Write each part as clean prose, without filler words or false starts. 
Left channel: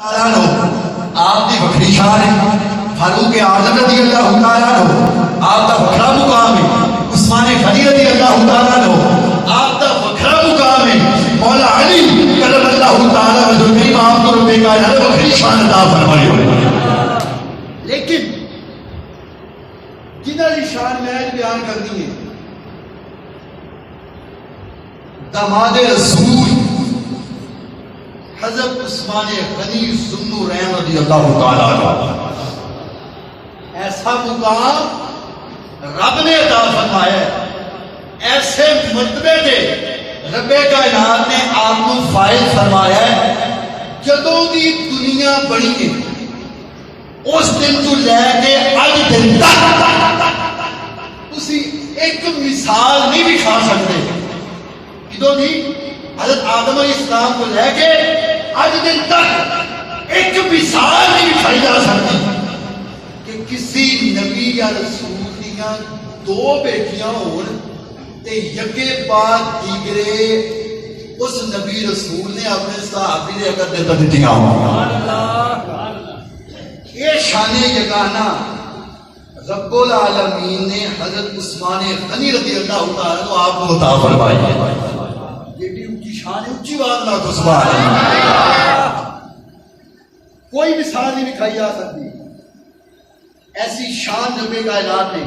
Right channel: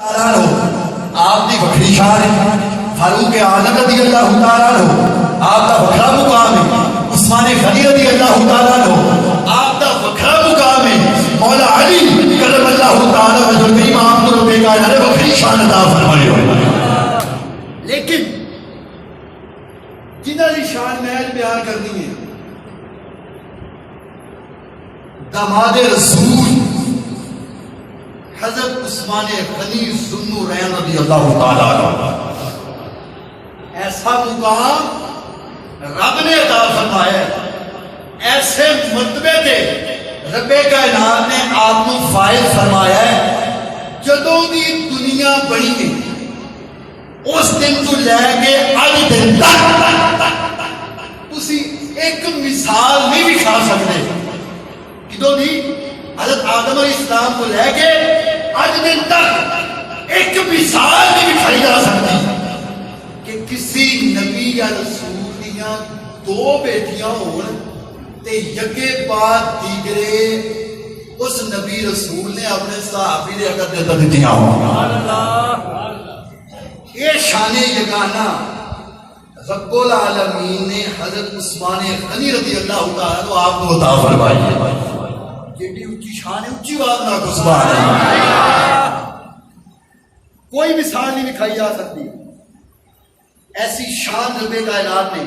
آپ کی وکری شان ہے، فاروق اعظم رضی اللہ تعالیٰ عنہ آپ کا وکھرا مقام ہے، عثمان غنی رضی اللہ تعالیٰ عنہ آپ کا وکھرا مقام ہے، مولا علی کرم اللہ تعالیٰ رسول کریم آپ کو رب کائنات وکری شان عطا فرمائے ہوئے۔ لیکن جنہاں دی شان میں بیان کرنی ہے، داماد رسول حضرت عثمان غنی ذو النورین رضی اللہ تعالیٰ عنہ، ایسا مقام رب نے عطا فرمایا ہے، ایسے مرتبے تے رب کائنات نے آپ کو فائز فرمایا ہے۔ جدوں دی دنیا بنی ہے اس دن تو لے کے اج دن تک تسی ایک مثال نہیں دکھا سکتے کدوں دی حضرت آدم علیہ السلام کو لے کے آج دن تک ایک مثال نہیں دکھائی جا سکتی کہ کسی نبی یا رسول دیاں دو بیٹیاں ہون تے یکے بعد دیگرے اس نبی رسول نے اپنے صحابی دے اگر دے دیتیاں ہوں۔ یہ شان یگانہ رب العالمین نے حضرت عثمان غنی رضی اللہ تعالیٰ کو آپ کو عطا فرمائی ہے۔ جیڑی اونچی شان ہے اونچی بات نہ کو سبحان اللہ، کوئی مثال نہیں دکھائی جا سکتی۔ ایسی شان رب کائنات نے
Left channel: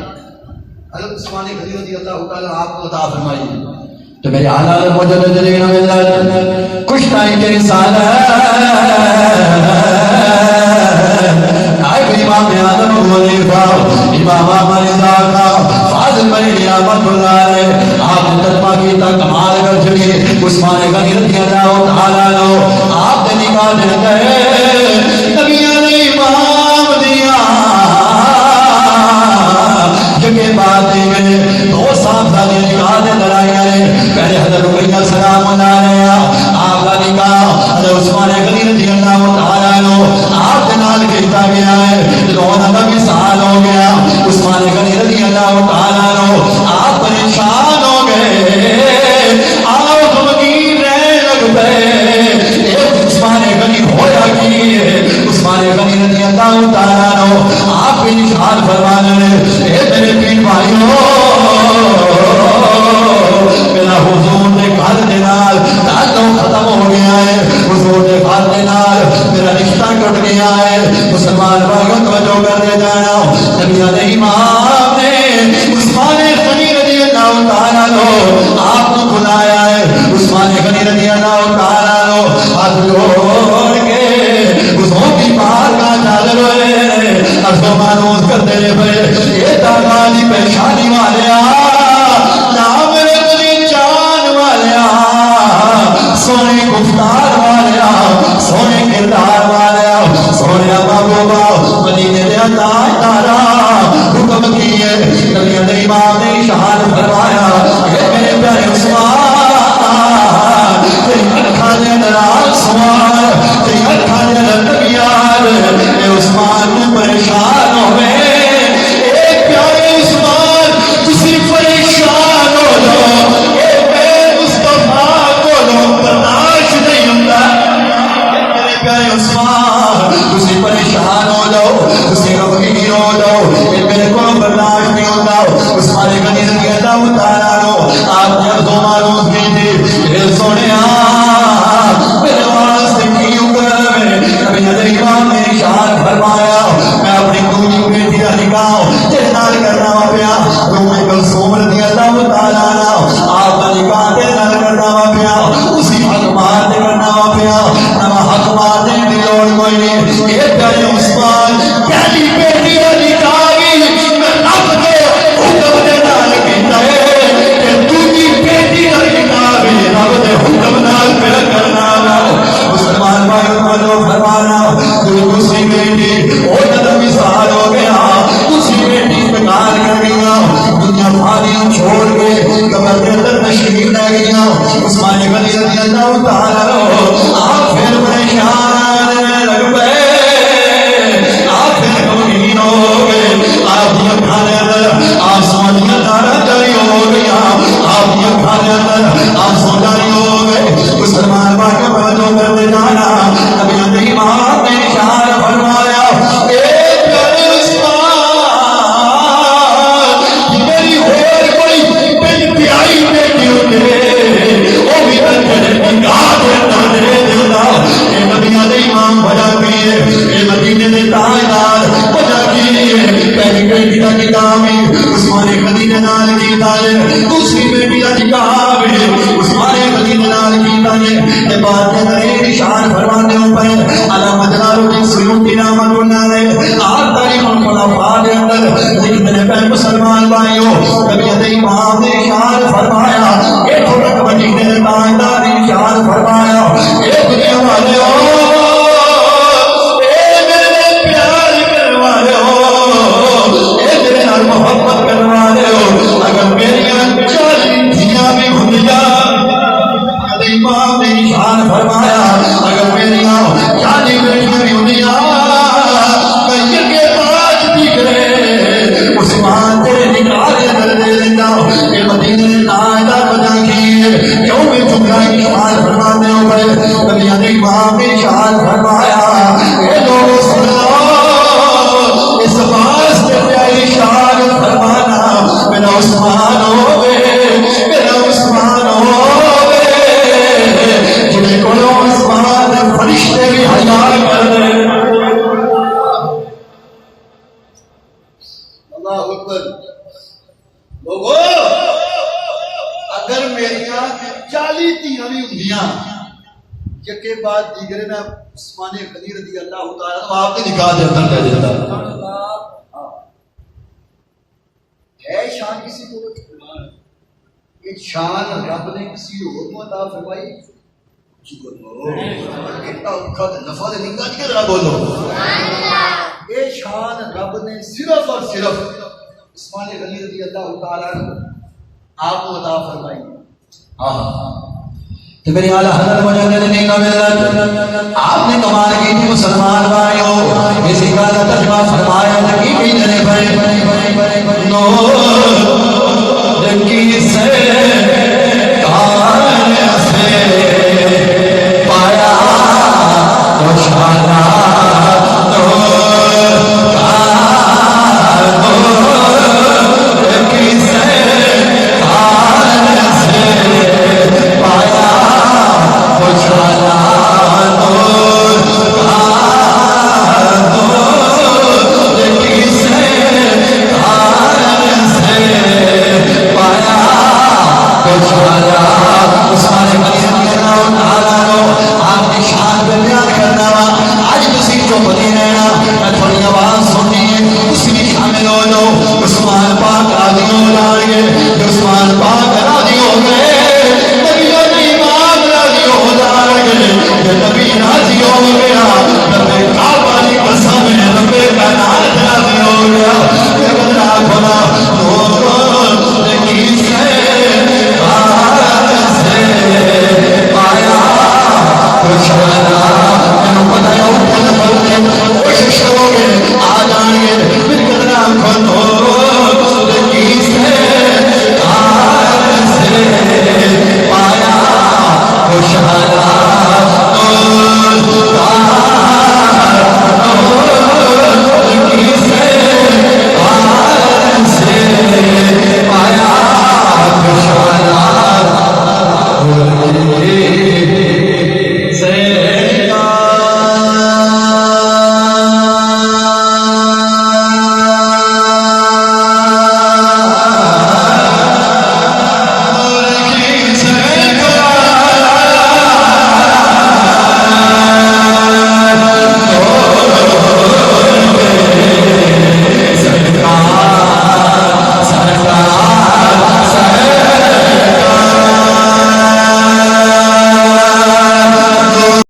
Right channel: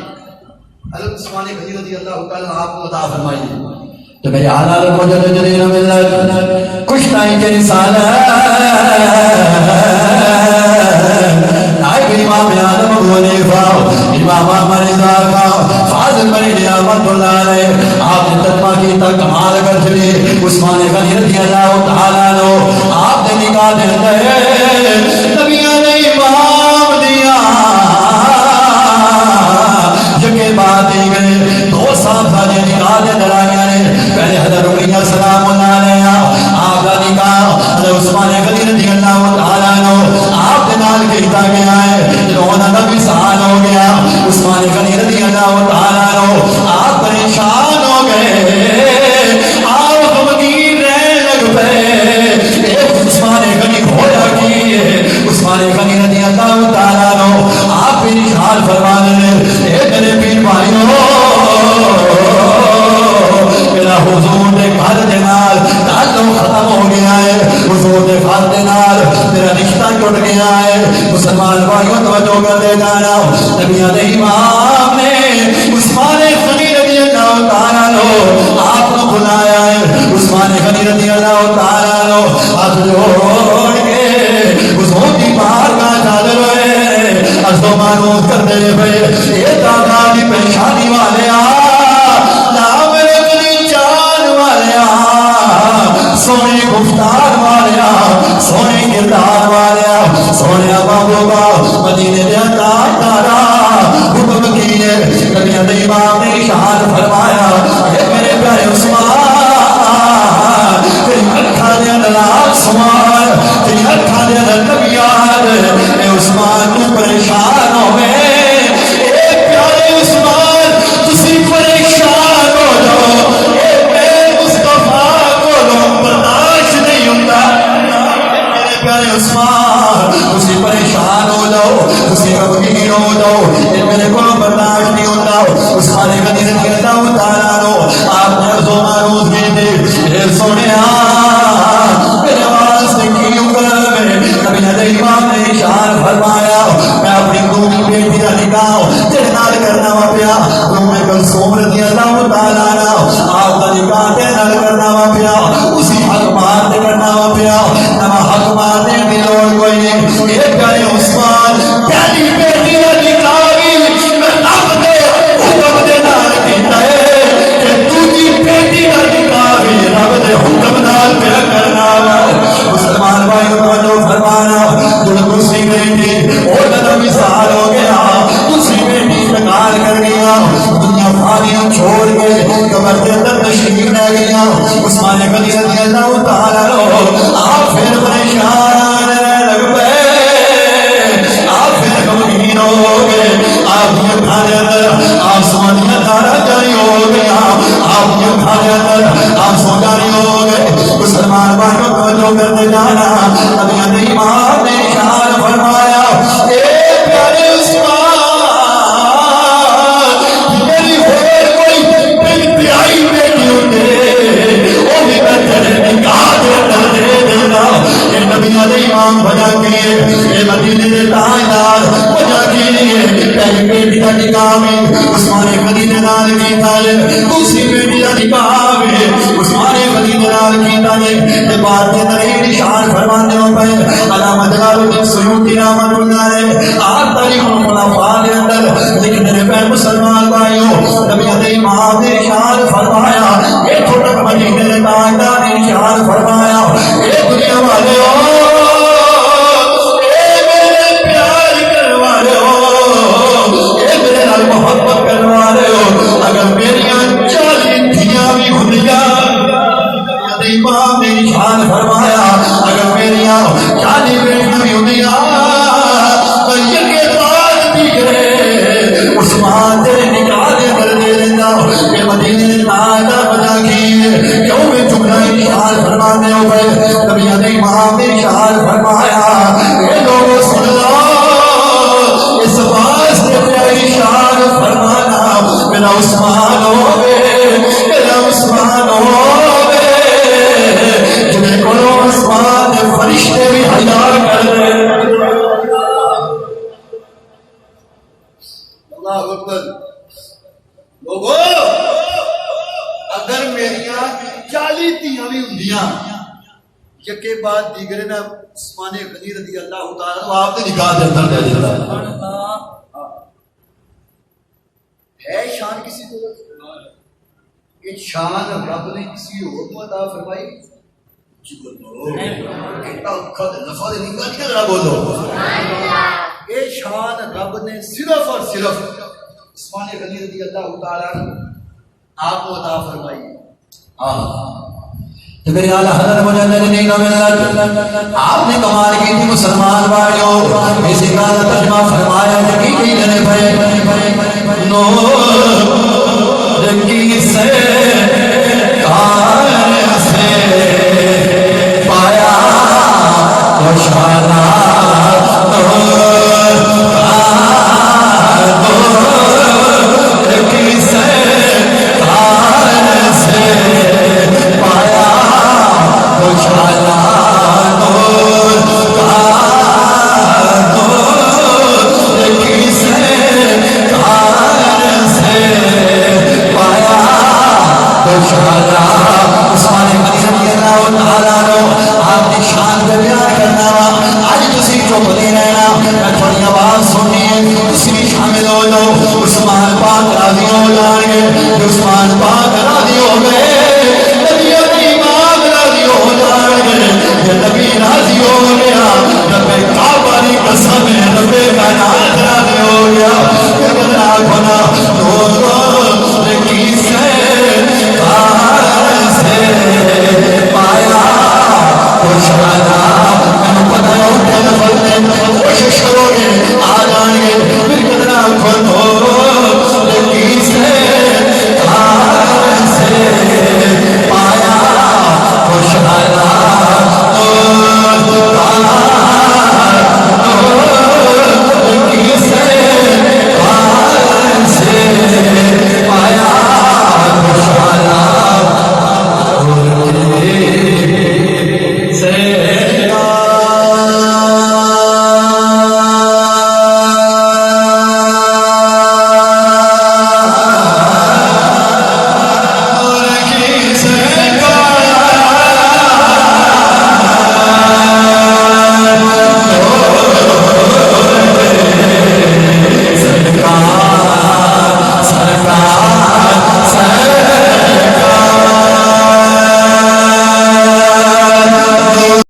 حضرت عثمان غنی رضی اللہ تعالیٰ آپ کو عطا فرمائی ہے۔ تو میرے حالات مجددین ملت کچھ ٹائم کے انسان امام اعظم ابو حنیفہ امام احمد رضا کا فاضل بنی رحمۃ اللہ علیہ آپ نے ترجمہ کی تا کمال کر چھڑی عثمان غنی رضی اللہ تعالیٰ عنہ آپ نے نکاح دے گئے نبیوں نے امام دیا جگہ بات دی گئے دو صاحبہ نے نکاح دے لڑائیاں نے پہلے حضرت رقیہ سلام علیہ آپ کا نکاح حضرت عثمان غنی رضی اللہ تعالیٰ عنہ آپ کے نال کیتا گیا ہے۔ جنہوں نبی سال ہو گیا عثمان غنی رضی اللہ تعالیٰ عنہ آپ پریشان ہو گئے، آپ غمگین رہنے لگ پئے۔ عثمان غنی ہویا کی ہے، عثمان غنی رضی اللہ تعالیٰ عنہ آپ کی نشان فرمانے لے اے میرے پیر بھائیوں میرا حضور نے گھر دے نال تعلق ختم ہو گیا ہے، حضور نے گھر دے نال میرا رشتہ ٹوٹ گیا ہے۔ مسلمان بھائیوں توجہ کر دے جانا، نبی علیہ امام نے عثمان غنی رضی اللہ تعالیٰ عنہ آپ کو بلایا ہے۔ عثمان غنی رضی اللہ تعالیٰ عنہ ہاتھ جوڑ کے حضور کی بارگاہ حاضر ہوئے، عرض و معروض کرتے ہوئے یہ دادا کی پریشانی والے نام رکھنی چاند والے سونی گفتار والے سونی کردار والے سونے محبوبہ مدینے دے تاجدارا حکم کیے نبی علیہ امام نے شہاد فرمایا اے میرے پیارے عثمان تیری اکھاں دے اندر سوال تیری اکھاں دے اندر نبیان اے عثمان تو پریشان ہو گئے، اے پیارے عثمان تسی پریشان ہو جاؤ، اے میرے مصطفیٰ کو برداشت نہیں ہوتا۔ میرے پیارے عثمان تسی پریشان ہو جاؤ، تسی غمگین ہو جاؤ، میرے کو برداشت نہیں ہوتا۔ عثمان غنی رضی اللہ تعالیٰ عنہ آپ نے عرض و معروض کی تھی، اے سونیا میرے واسطے کیوں کر میں نبی علیہ امام نے ارشاد فرمایا میں اپنی دونی بیٹی کا نکاح تیرے نال کرنا وا پیا، ام کلثوم رضی اللہ تعالیٰ عنہ آپ کا نکاح تیرے نال کرنا وا پیا، اسی حق مار دے کرنا وا پیا، نہ حق مار دے دی لوڑ کوئی نہیں۔ یہ پیارے عثمان پہلی بیٹی کا نکاح بھی میں رب دے حکم دے نال کیتا ہے تے دوسری بیٹی کا نکاح بھی رب دے حکم نال پیا کرنا وا۔ مسلمان بھائیوں کو جو فرمانا دوسری بیٹی اور نہ مثال ہو گیا، دوسری بیٹی انتقال کر گیا، دنیا فانی چھوڑ کے قبر کے اندر تشریف لے گیا۔ عثمان غنی رضی اللہ تعالیٰ عنہ آپ پھر پریشان لگ پئے، آپ پھر غمگین ہو گئے، آپ کی اکھاں دے اندر آنسوؤں دی دھارا جاری ہو گیا، آپ کی اکھاں دے اندر آنسو جاری ہو گئے۔ مسلمان بھائیوں کو جو کرتے جانا نبی علیہ امام نے وجہ کی مدینے دے تاجدار وجہ کی پہلی بیٹی کا نکاح میں عثمان غنی نے نال کیتا ہے دوسری بیٹی کا نکاح میں عثمان غنی نے نال کیتا ہے تے بات دے نری نشان فرماندے ہو پے علامہ جلال الدین سیوطی رحمۃ اللہ علیہ آپ تاریخ الخلفاء دے اندر لکھتے ہیں مسلمان بھائیوں نبی امام نے ارشاد فرمایا اے چھوٹا مدینے دے تاجدار نے ارشاد فرمایا اے دنیا والے محبت کروا رہے ہو اگر میری 40 دھیاں بھی ہونیا امام نے ارشاد فرمایا اگر میری 40 بیٹیاں بھی ہونیا میں یہ بات دیکھے عثمان تیرے نکاح دے اندر دے دینا یہ مدینے تاجدار بجا کی کیوں میں جملہ ارشاد فرمانے ہو گئے نبی امام نے ارشاد فرمایا اے لوگ سنو اس باس کے ارشاد فرمانا میرا عثمان ہوئے میرا عثمان ہوئے جنہیں کلو عثمان فرشتے بھی حیار کر دے اللہ اکبر لوگو اگر میریاں 40 تیاں بھی ہوندیاں یکے بعد دیگرے میں عثمان غنی رضی اللہ تعالیٰ تو آپ نے نکاح دے اندر لے دیتا ہے شان کسی کو یہ شان رب نے کسی اور کو عطا فرمائی جی بولو کتنا اکھا دے نفع دے نکاح کیا ذرا بولو یہ شان رب نے صرف اور صرف عثمان غنی رضی اللہ تعالیٰ آپ کو عطا فرمائی تو میری اعلیٰ حضرت مجدد دین کا ملت آپ نے کمال کی تھی مسلمان بھائیوں اسی کا ترجمہ فرمایا لگی بھی نہیں بھائی نور کی سے کار سے